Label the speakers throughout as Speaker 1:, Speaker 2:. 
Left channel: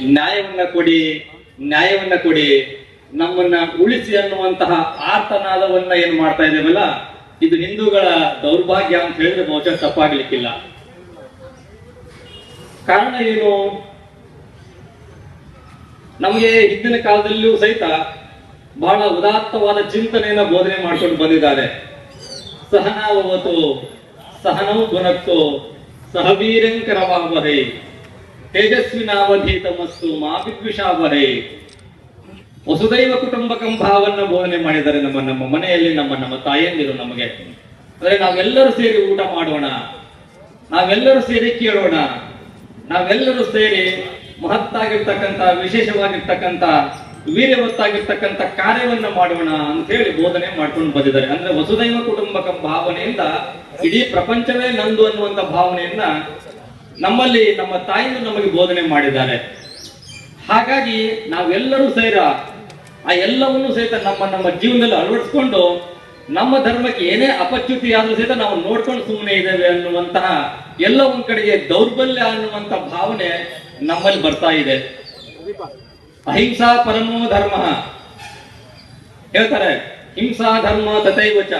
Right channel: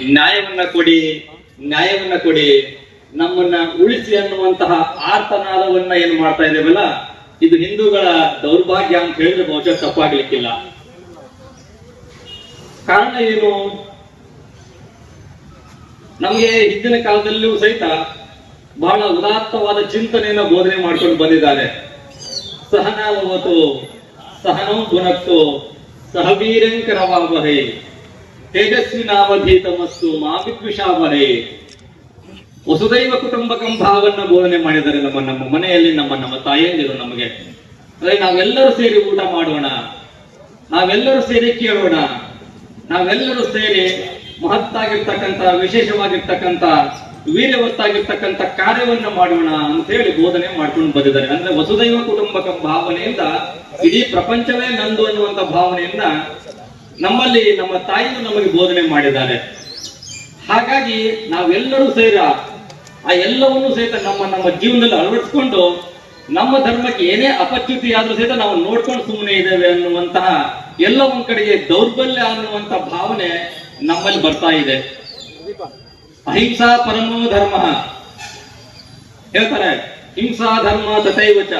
Speaker 1: ನ್ಯಾಯವನ್ನ ಕೊಡಿ ನ್ಯಾಯವನ್ನ ಕೊಡಿ. ನಮ್ಮನ್ನ ಉಳಿಸಿ ಅನ್ನುವಂತಹ ಆರ್ತನಾದವನ್ನ ಏನ್ ಮಾಡ್ತಾ ಇದ್ದೇವಲ್ಲ, ಇದು ಹಿಂದೂಗಳ ದೌರ್ಭಾಗ್ಯ ಅಂತ ಹೇಳಿದ್ರೆ ಬಹುಶಃ ತಪ್ಪಾಗ್ಲಿಕ್ಕಿಲ್ಲ. ಕಾರಣ ಏನು? ನಮಗೆ ಹಿಂದಿನ ಕಾಲದಲ್ಲೂ ಸಹಿತ ಬಹಳ ಉದಾತ್ತವಾದ ಚಿಂತನೆಯನ್ನ ಬೋಧನೆ ಮಾಡ್ಕೊಂಡು ಬಂದಿದ್ದಾರೆ. ಸಹನಾವತು ಸಹನಂ ಗುಣತ್ತು ಸಹವೀರಂಕರವಾವಹೆ ತೇಜಸ್ವಿನಾವಧೀತಮಸ್ತು ಮಾ ವಿದ್ವಿಷಾವಹೆ ವಸುದೈವ ಕುಟುಂಬಕಂ ಭಾವನ್ನ ಬೋಧನೆ ಮಾಡಿದರೆ ನಮ್ಮ ನಮ್ಮ ಮನೆಯಲ್ಲಿ, ನಮ್ಮ ನಮ್ಮ ತಾಯಿಯಂದಿರು ನಮಗೆ. ಅಂದ್ರೆ ನಾವೆಲ್ಲರೂ ಸೇರಿ ಊಟ ಮಾಡೋಣ, ನಾವೆಲ್ಲರೂ ಸೇರಿ ಕೇಳೋಣ, ನಾವೆಲ್ಲರೂ ಸೇರಿ ಮಹತ್ತಾಗಿರ್ತಕ್ಕಂಥ, ವಿಶೇಷವಾಗಿರ್ತಕ್ಕಂಥ ವೀರ್ಯವತ್ತಾಗಿರ್ತಕ್ಕಂಥ ಕಾರ್ಯವನ್ನ ಮಾಡೋಣ ಅಂತ ಹೇಳಿ ಬೋಧನೆ ಮಾಡ್ಕೊಂಡು ಬಂದಿದ್ದಾರೆ. ಅಂದ್ರೆ ವಸುದೈವ ಕುಟುಂಬಕ ಭಾವನೆಯಿಂದ ಇಡೀ ಪ್ರಪಂಚವೇ ನಂದು ಅನ್ನುವಂತ ಭಾವನೆಯನ್ನ ನಮ್ಮಲ್ಲಿ ನಮ್ಮ ತಾಯಿಯು ನಮಗೆ ಬೋಧನೆ ಮಾಡಿದ್ದಾರೆ ಹಾಗಾಗಿ ನಾವೆಲ್ಲರೂ ಸೇರ ಆ ಎಲ್ಲವನ್ನೂ ಸಹಿತ ನಮ್ಮ ನಮ್ಮ ಜೀವನದಲ್ಲಿ ಅಳವಡಿಸ್ಕೊಂಡು ನಮ್ಮ ಧರ್ಮಕ್ಕೆ ಏನೇ ಅಪಚ್ಯುತಿ ಆದ್ರೂ ಸಹಿತ ನಾವು ನೋಡ್ಕೊಂಡು ಸುಮ್ಮನೆ ಇದ್ದೇವೆ ಅನ್ನುವಂತಹ ಎಲ್ಲ ಒಂದ್ ಕಡೆಗೆ ದೌರ್ಬಲ್ಯ ಅನ್ನುವಂತ ಭಾವನೆ ನಮ್ಮಲ್ಲಿ ಬರ್ತಾ ಇದೆ. ಅಹಿಂಸಾ ಪರಮೋ ಧರ್ಮ. ಹೇಳ್ತಾರೆ, ಹಿಂಸಾ ಧರ್ಮ ತಥೈವಚ.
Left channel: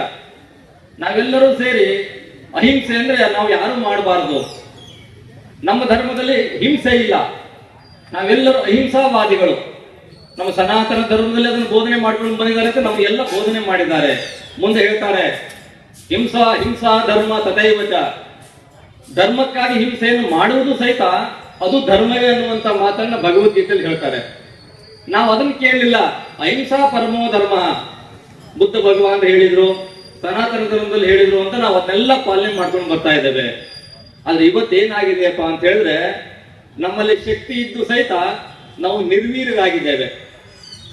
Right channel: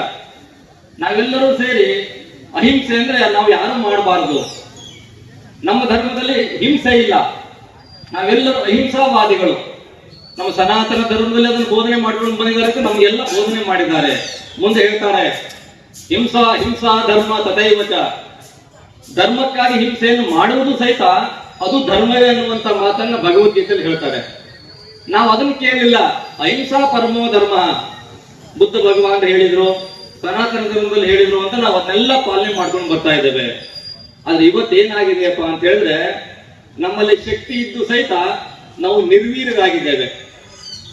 Speaker 1: ನಾವೆಲ್ಲರೂ ಸೇರಿ ಅಹಿಂಸೆ ಅಂದ್ರೆ ನಾವು ಯಾರು ಮಾಡಬಾರ್ದು. ನಮ್ಮ ಧರ್ಮದಲ್ಲಿ ಹಿಂಸೆ ಇಲ್ಲ. ನಾವೆಲ್ಲರೂ ಅಹಿಂಸಾವಾದಿಗಳು. ನಮ್ಮ ಸನಾತನ ಧರ್ಮದಲ್ಲಿ ಅದನ್ನು ಬೋಧನೆ ಮಾಡಿಕೊಂಡು ಬಂದಿದ್ದಾರೆ ನಮಗೆಲ್ಲ ಬೋಧನೆ ಮಾಡಿದ್ದಾರೆ. ಮುಂದೆ ಹೇಳ್ತಾರೆ, ಹಿಂಸಾ ಹಿಂಸಾ ಧರ್ಮ ತಥೈವಚ. ಧರ್ಮಕ್ಕಾಗಿ ಹಿಂಸೆಯನ್ನು ಮಾಡುವುದು ಸಹಿತ ಅದು ಧರ್ಮವೇ ಅನ್ನುವಂತ ಮಾತನ್ನ ಭಗವದ್ಗೀತೆಯಲ್ಲಿ ಹೇಳ್ತಾರೆ. ನಾವು ಅದನ್ನು ಕೇಳಲಿಲ್ಲ ಅಹಿಂಸಾ ಪರಮೋ ಧರ್ಮ. ಬುದ್ಧ ಭಗವಾನ್ ಹೇಳಿದ್ರು, ಸನಾತನ ಧರ್ಮದಲ್ಲಿ ಹೇಳಿದ್ರು ಅಂತ ನಾವು ಅದನ್ನೆಲ್ಲ ಪಾಲನೆ ಮಾಡ್ಕೊಂಡು ಬರ್ತಾ ಇದ್ದೇವೆ. ಆದ್ರೆ ಇವತ್ತೇನಾಗಿದೆಯಪ್ಪ ಅಂತ ಹೇಳಿದ್ರೆ, ನಮ್ಮಲ್ಲಿ ಶಕ್ತಿ ಇದ್ದು ಸಹಿತ ನಾವು ನಿರ್ವೀರ್ಯರಾಗಿದ್ದೇವೆ.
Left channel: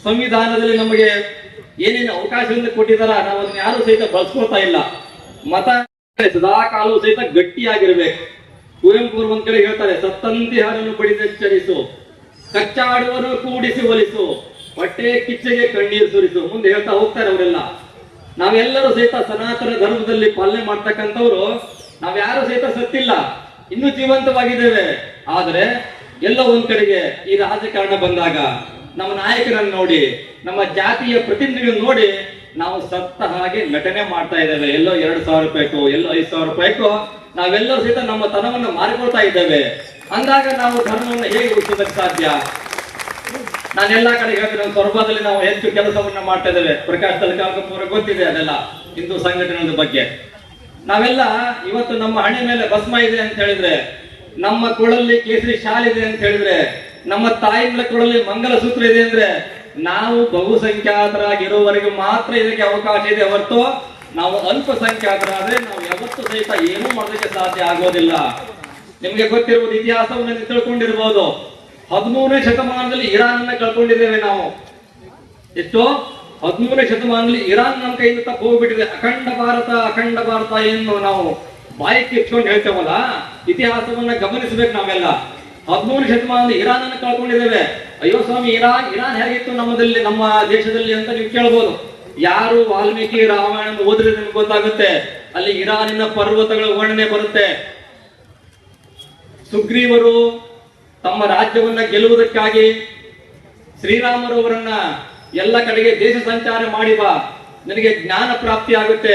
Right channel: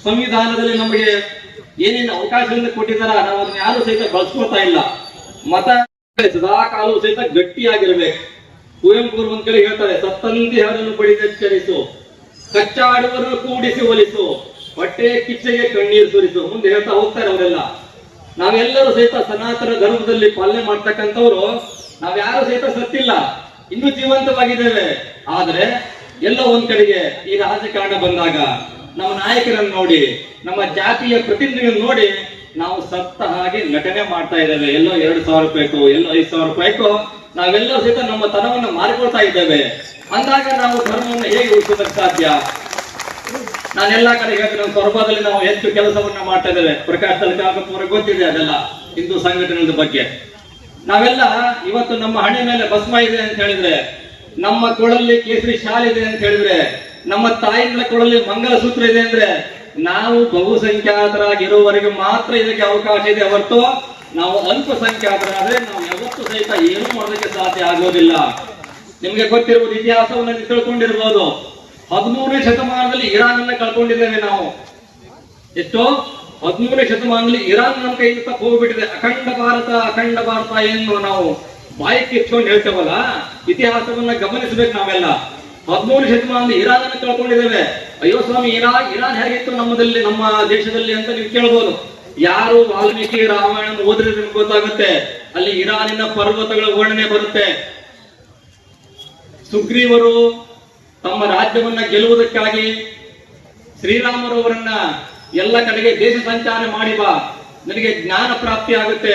Speaker 1: ಸಂವಿಧಾನದಲ್ಲಿ ನಮಗೆ ಏನೇನು ಅವಕಾಶವನ್ನು ಕೊಟ್ಟಿದಾರ ನಾವು ಅದನ್ನ ಯಾರು ಸಹಿತ ಬಳಸ್ಕೊಳ್ತಾ ಇಲ್ಲ. ಮತ ಸದಾ ಕಾಲವು ಸಹಿತ ಗಟ್ಟಿಯಾಗಿರ್ಬೇಕು. ಕುವೆಂಪು ಒಂದ್ ಕಡೆ ಹೇಳ್ತಾರೆ ಸತ್ತಂತಿ ಹರನ್ನು ಪಡಿದೆಚ್ಚರಿಸು ಕಚ್ಚಾಡುವರು ಕೂಡಿಸಿ ಒಲಿಸು. ಹೊಟ್ಟೆ ಕಿಚ್ಚೆಗೆ ಕಣ್ಣೀರು ಸುರಿಸು. ಮುಂದೆ ಹೇಳ್ತಾ ಹೋಗ್ತಾರೆ ಅವರೆಲ್ಲ. ನಾವೆಲ್ಲರೂ ಸಹಿತ ಸನಾತನ ಧರ್ಮದಲ್ಲಿ ಪಾಲನೆ ಮಾಡ್ತಕ್ಕಂಥವ್ರು ನಾವ್ಯಾರು ಸಹಿತ ಸತ್ತಿಲ್ಲ. ಇನ್ನೂ ಜೀವಂತವಾಗಿದ್ದೇವೆ. ಆದ್ರೆ ಎಲ್ಲ ಒಂದ್ ಕಡೆಗೆ ಈ ರಾಜಕಾರಣ ಬಂದಾಗ ನಮ್ಮ ನಾಯಕರನ್ನು ನೋಡಿ, ನಮ್ಮ ಜಾತಿಯ ಪ್ರತಿನಿಧಿಗಳನ್ನು ನೋಡಿ ನಾವು ಸತ್ತ ಹಾಗೆ ನಟನೆ ಮಾಡ್ತಾ ಇದ್ದೇವೆ. ಎಲ್ಲೋ ಎರಡು ಸಾವಿರ ರೂಪಾಯಿಗೂ ಎಲ್ಲೋ ಐದು ಸಾವಿರ ರೂಪಾಯಿಗೂ ನಾವೆಲ್ಲರೂ ಸಹಿತ ನಮ್ಮ ತನವನ್ನು ಮಾರಿಕೊಳ್ತಾ ಇದ್ದೇವೆ. ಅಂದಾಗ ನಾವು ಧರ್ಮವನ್ನು ಹೇಗೆ ಉಳಿಸೋದಕ್ಕೆ ಸಾಧ್ಯ? ನಾನು ಎಲ್ಲಾ ಕಡೆ ಹೇಳ್ತೀನಿ, ನಮ್ಮ ಸೊರಬದಲ್ಲಿ ನಾವು ಹೆಚ್ಚು ಕೆಲಸವನ್ನ ಮಾಡ್ತಾ ಇದ್ದೇವೆ. ಪ್ರಕಾಶ್ ತಲಕಾಪುರ ಗೊತ್ತಿದೆ ಅದೆಲ್ಲ. ಹಿಂದೂ ಸಂಘಟನೆಗಳ ಬಗ್ಗೆ. ನಾವೆಲ್ಲ ಇವತ್ತು ನಮ್ಮ ಹಣೆ ಮೇಲೆ ಭಸ್ಮ ಇದೆ ಅಂತ ಹೇಳಿದ್ರೆ, ನಮ್ಮ ಕೊಳಲ್ಲಿ ಕೇಸರಿ ಶಾಲ್ ಇದೆ ಅಂತ ಹೇಳಿದ್ರೆ, ನಮ್ಮ ತಾಯಿಗಳ ಕೊಳಲ್ಲಿ ಮಂಗಲಸೂತ್ರ ಇದೆ ಅಂದ್ರೆ, ನಾವು ಬಹುಸಂಖ್ಯಾತರಾಗಿರುವವರೆಗೆ ಮಾತ್ರ ಇದಕ್ಕೆ ಅವಕಾಶ ಇದೆ ಹೊರತು ನಾವು ಅಲ್ಪಸಂಖ್ಯಾತರಾದ್ರೆ ನಾವು ಯಾವತ್ತು ಸಹಿತ ಏನೂ ಮಾಡೋದಕ್ಕೆ ಸಾಧ್ಯ ಆಗೋದಿಲ್ಲ. ನಿಮ್ಗೆ ಗೊತ್ತಿರುವುದು ಇತಿಹಾಸವನ್ನು ನೀವು ತಿಳ್ಕೊಂಡಿರ್ಬೋದು. ಹದಿಮೂರನೇ ಶತಮಾನದಲ್ಲಿ ಇರಾನ್ ಅನ್ನ ಕಳ್ಕೊಂಡಿದ್ದೇವೆ ನಾವು. ಎಷ್ಟು? ಹದಿಮೂರನೇ ಶತಮಾನದಲ್ಲಿ ಇರಾನ್ ನಮ್ಮ ಕೈಯಿಂದ ತಪ್ಪು ಹೋಗ್ಬಿಟ್ಟಿದೆ. ಅಖಂಡ ಭಾರತ ಅಖಂಡ ಭಾರತ ಏನು ನಾವು ಬಾಯಿ ಕಿಚ್ಕೊಂಡು ಹೇಳ್ತೇವಲ್ಲ, ಇತಿಹಾಸವನ್ನ ಗಮನಿಸಬೇಕು ನಾವೆಲ್ಲ. ಹದಿಮೂರನೇ ಶತಮಾನದಲ್ಲಿ ಇರಾನ್ ಅನ್ನು ಕಳ್ಕೊಂಡಿದ್ದೇವೆ. ಅಯ್ಯೋ ಸ್ವಾಮಿ ಇರಾನ್ ಇರಾನ್ ಹೇಗಿತ್ತು ನಮ್ಮದಲ್ಲಿ, ನಮ್ಮ ದೇಶದಲ್ಲಿ ಅಂತ ನೀವು ಕೇಳ್ಬೋದು. ಯಾರು ವಾಲ್ಮೀಕಿ ರಾಮಾಯಣ ಓದಿದ್ರೆ ನಿಮ್ಗೆ ಗೊತ್ತಾಗುತ್ತೆ. ಅಲ್ಲಿ ಇರಾನಿನ ಪರ್ವತಗಳ ವರ್ಣನೆ ಬರುತ್ತೆ. ಸುಗ್ರೀವರು ತಮ್ಮ ರಾಜ್ಯವನ್ನ ಗೆಲ್ಲುವುದಕ್ಕಾಗಿ ಶ್ರೀರಾಮರವರನ್ನ ಎಲ್ಲ ಕಡೆಗೆ ದೇಶ ಸಂಚಾರ ಮಾಡಿ ಬಾ. ನಿನಗೆ ಜ್ಞಾನ ಪ್ರಾಪ್ತಿ ಆಗುತ್ತೆ.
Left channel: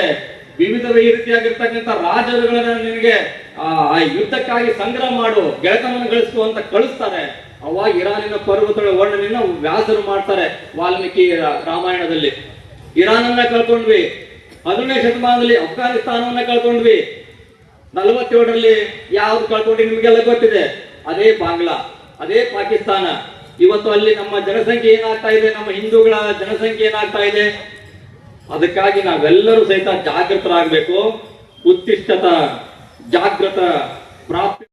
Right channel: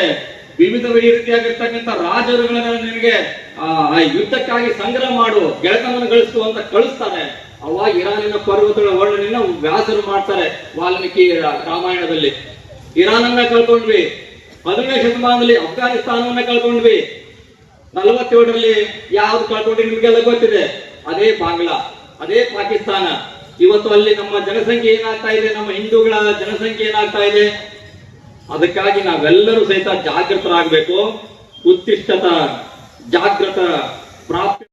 Speaker 1: ವಿವಿಧ ರೀತಿಯಾಗಿರ್ತಕ್ಕಂಥ ರಾಜರುಗಳನ್ನ ನಿನಗೆ, ಆ ಯುದ್ಧಕ್ಕಾಗಿ ಸಂಗ್ರಹ ಮಾಡು, ಗೆಳೆತನವನ್ನು ಗಳಿಸು ಅಂತ ಕಳಿಸ್ತಾರೆ. ಅವಾಗ ಇರಾನಿನ ಪರ್ವತಗಳ ವರ್ಣನೆಯನ್ನ ವ್ಯಾಸರು ಮಾಡ್ತಾರೆ ವಾಲ್ಮೀಕಿ ರಾಮಾಯಣದಲ್ಲಿ. ಇರಾನನ್ನ ಕಳ್ಕೊಂಡ್ವಿ. ಹದಿನೈದು ಶತಮಾನದಲ್ಲಿ ಅಫ್ಘಾನಿಸ್ತಾನವನ್ನ ಕಳ್ಕೊಂಡ್ವಿ. ನಲವತ್ತೇಳರಲ್ಲಿ ಯಾವ್ದು ಕಳ್ಕೊಂಡ್ರಿ ನಿಮ್ಗೆಲ್ಲ ಗೊತ್ತಿದೆ. ಅದೇ ಬಾಂಗ್ಲಾ, ಅದೇ ಪಾಕಿಸ್ತಾನ. ಇವತ್ತು ಅಲ್ಲಿ ನಮ್ಮ ಜನಸಂಖ್ಯೆ ಏನಾಗ್ತಾ ಇದೆ, ನಮ್ಮ ಹಿಂದೂಗಳ ಜನಸಂಖ್ಯೆ ಏನಾಗ್ತಾ ಇದೆ? ಅದಕ್ಕಾಗಿ ನಾವೆಲ್ಲರೂ ಸಹಿತ ಜಾಗೃತರಾಗಬೇಕು. ಉತ್ತಿಷ್ಟತ ಜಾಗೃತ ಪ್ರಾಪ್ತಿ